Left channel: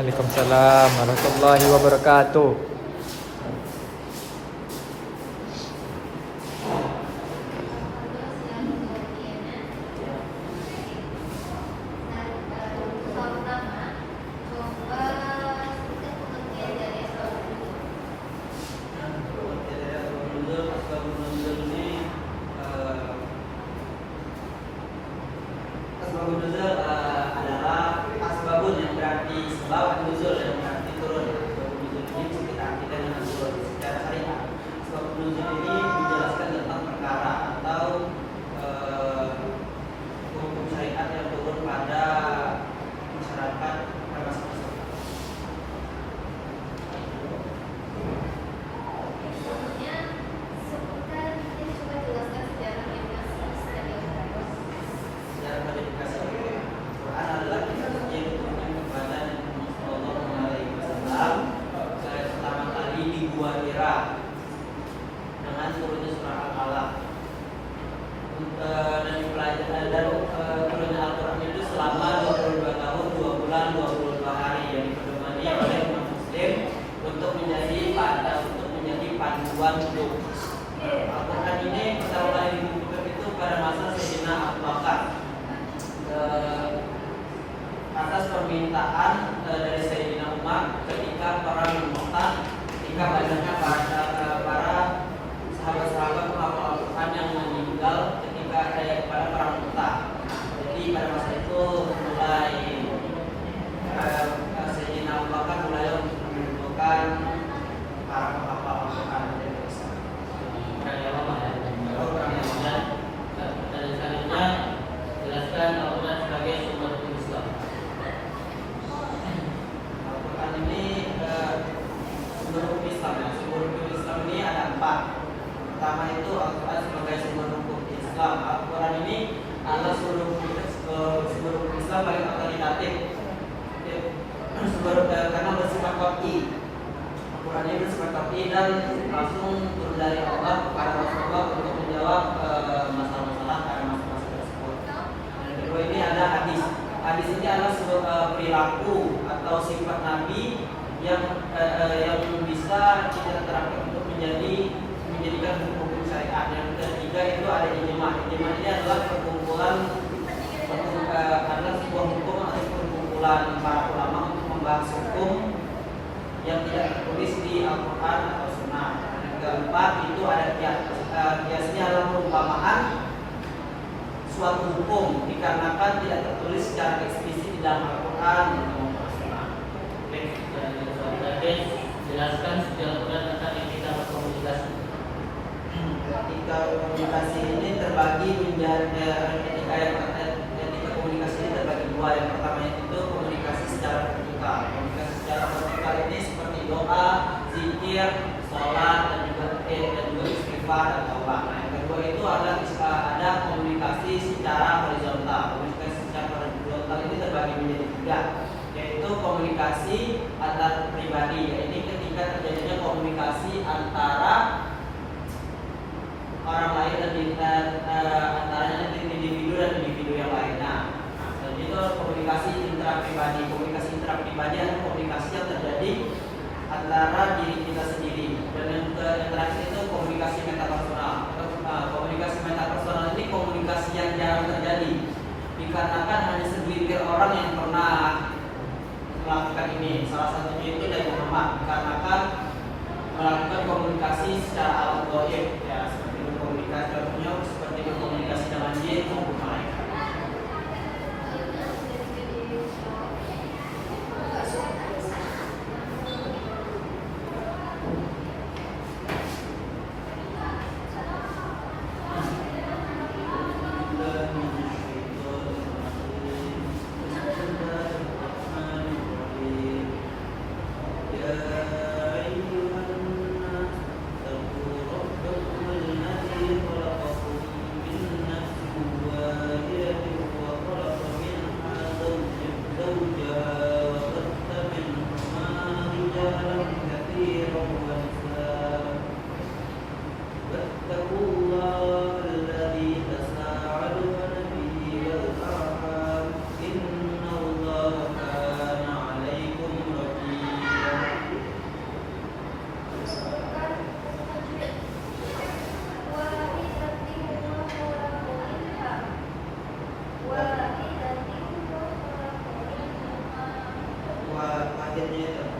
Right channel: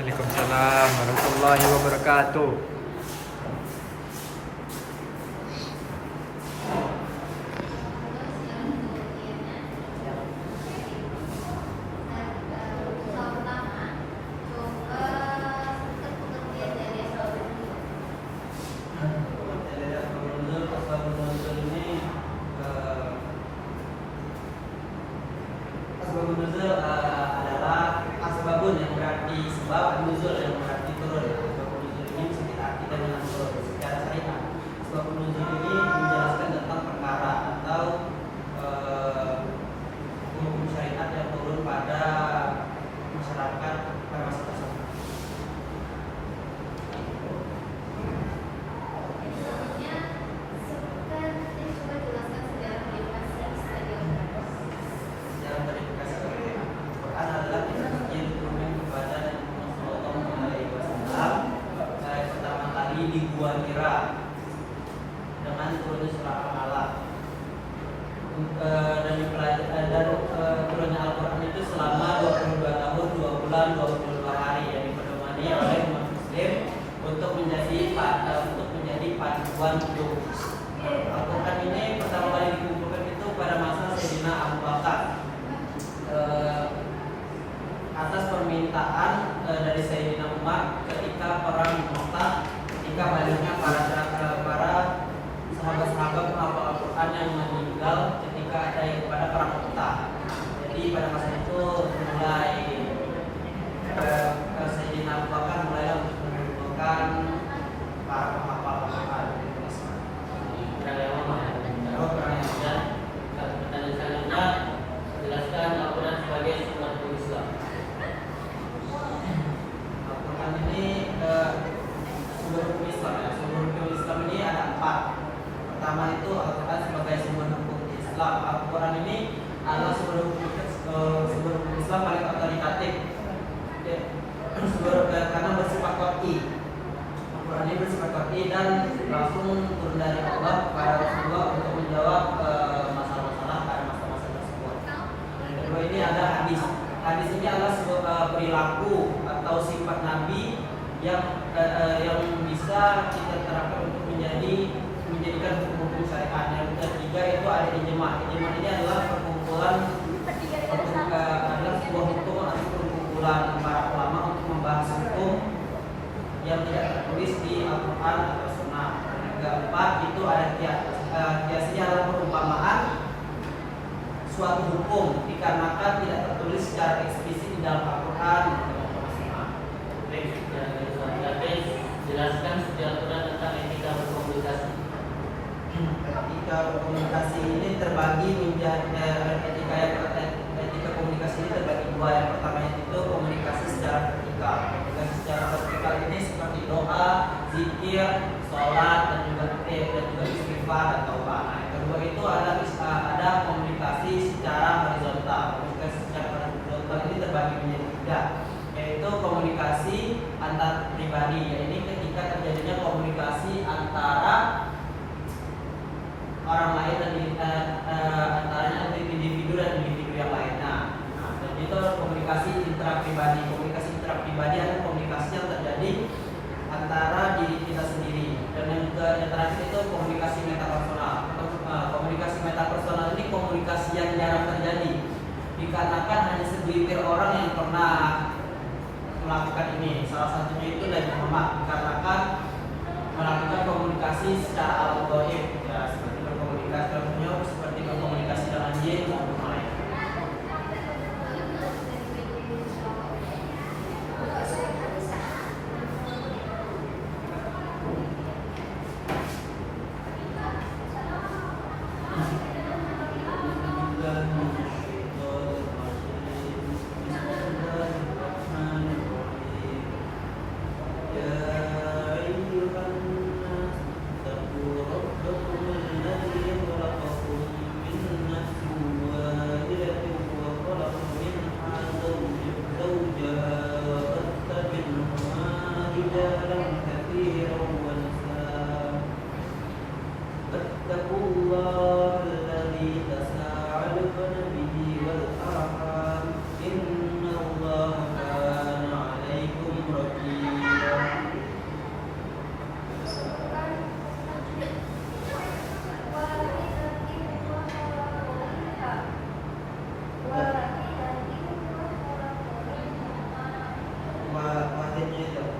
Waalaikumsalam warahmatullahi wabarakatuh. Asbabun nuzul adalah asbabun yang berarti sebab, nuzul yang berarti turun. Asbabun nuzul ini bisa kita artikan dengan turun secara syariat. Asbabun nuzul ini menjelaskan tentang perkara atau hukum syariat yang turun pada masyarakat pada masa tersebut. Di Gua Hira dengan turunnya surah Al-Alaq dan turunnya Al-Quran itu selama 22 tahun 2 bulan 22 hari yang dipedomani oleh umat muslim untuk menjadi panduan hidup. Al-Quran ini pertama kali ditunjukkan itu pada masa Sayyidina Abu Bakar atas permintaan dari Sayyidina Umar ketika perang Mu'tah, ketika banyaknya para sahabat-sahabat penghafal Al-Quran yang meninggal ketika ada pada perang Mu'tah. Jadi pada masa itu mulai Sayyidina Abu Bakar mulai mengumpulkan para penghafal Al-Quran. Pertanyaan selanjutnya, jelaskan Al-Quran sebagai sumber Islam. Al-Quran ini sumber hukum Islam ya. Sumber hukum Islam ini ada 4. Pertama itu Al-Quran sebagai sumber hukum Islam. Al-Quran ini adalah sumber hukum Islam paling otoritatif. Karena bersifat qat'i. Al-Quran ini bersifat qat'i dan langsung turun dari Allah kepada Rasulullah untuk menjawab masalah-masalah pada masa-masa tersebut. Yang kedua ini ada hadis. Hadis ini adalah sebuah perilaku atau sifat Nabi yang bisa kita terapkan untuk menjadikan hukum syariat. Yang ketiga itu ada ijma'. Ijma' ini adalah adalah sebuah hukum atau perkumpulan para ulama untuk membahas hukum yang tidak tertulis di Al-Quran atau Sunnah. Yang keempat itu ada kias. Kiasnya adalah perumpamaan suatu hukum dikarenakan tidak tertulis secara eksplisit di dalam Al-Quran atau Sunnah. Jelaskan sejarah Quran tentang etika berkomunikasi. Etika komunikasi ini terbagi menjadi etika komunikasi ini terbagi 2. Yang pertama itu komunikasi secara vertikal. Komunikasi secara vertikal ini seperti doa, zikir, sholat dan juga istighfar dan taubah. Yang kedua itu ada komunikasi secara horizontal. Komunikasi secara horizontal ini terbagi menjadi 3, yaitu komunikasi antar pribadi. Ini ketika terjadinya komunikasi antara orang lain dan antara individu dan individu yang lainnya. Dan itu komunikasi intrapribadi. Komunikasi intrapribadi adalah komunikasi yang terjadi antara diri kita sendiri. Dan yang terakhir itu komunikasi metapersonal. Komunikasi metapersonal ini komunikasi yang jarang terjadi dikarenakan hanya segelintir orang yang pernah melakukan ini. Salah satunya itu Nabi Muhammad, dikarenakan melakukan komunikasi secara alam gaib, ya, seperti berkomunikasi dengan jin maupun malaikat. akhirnya itu.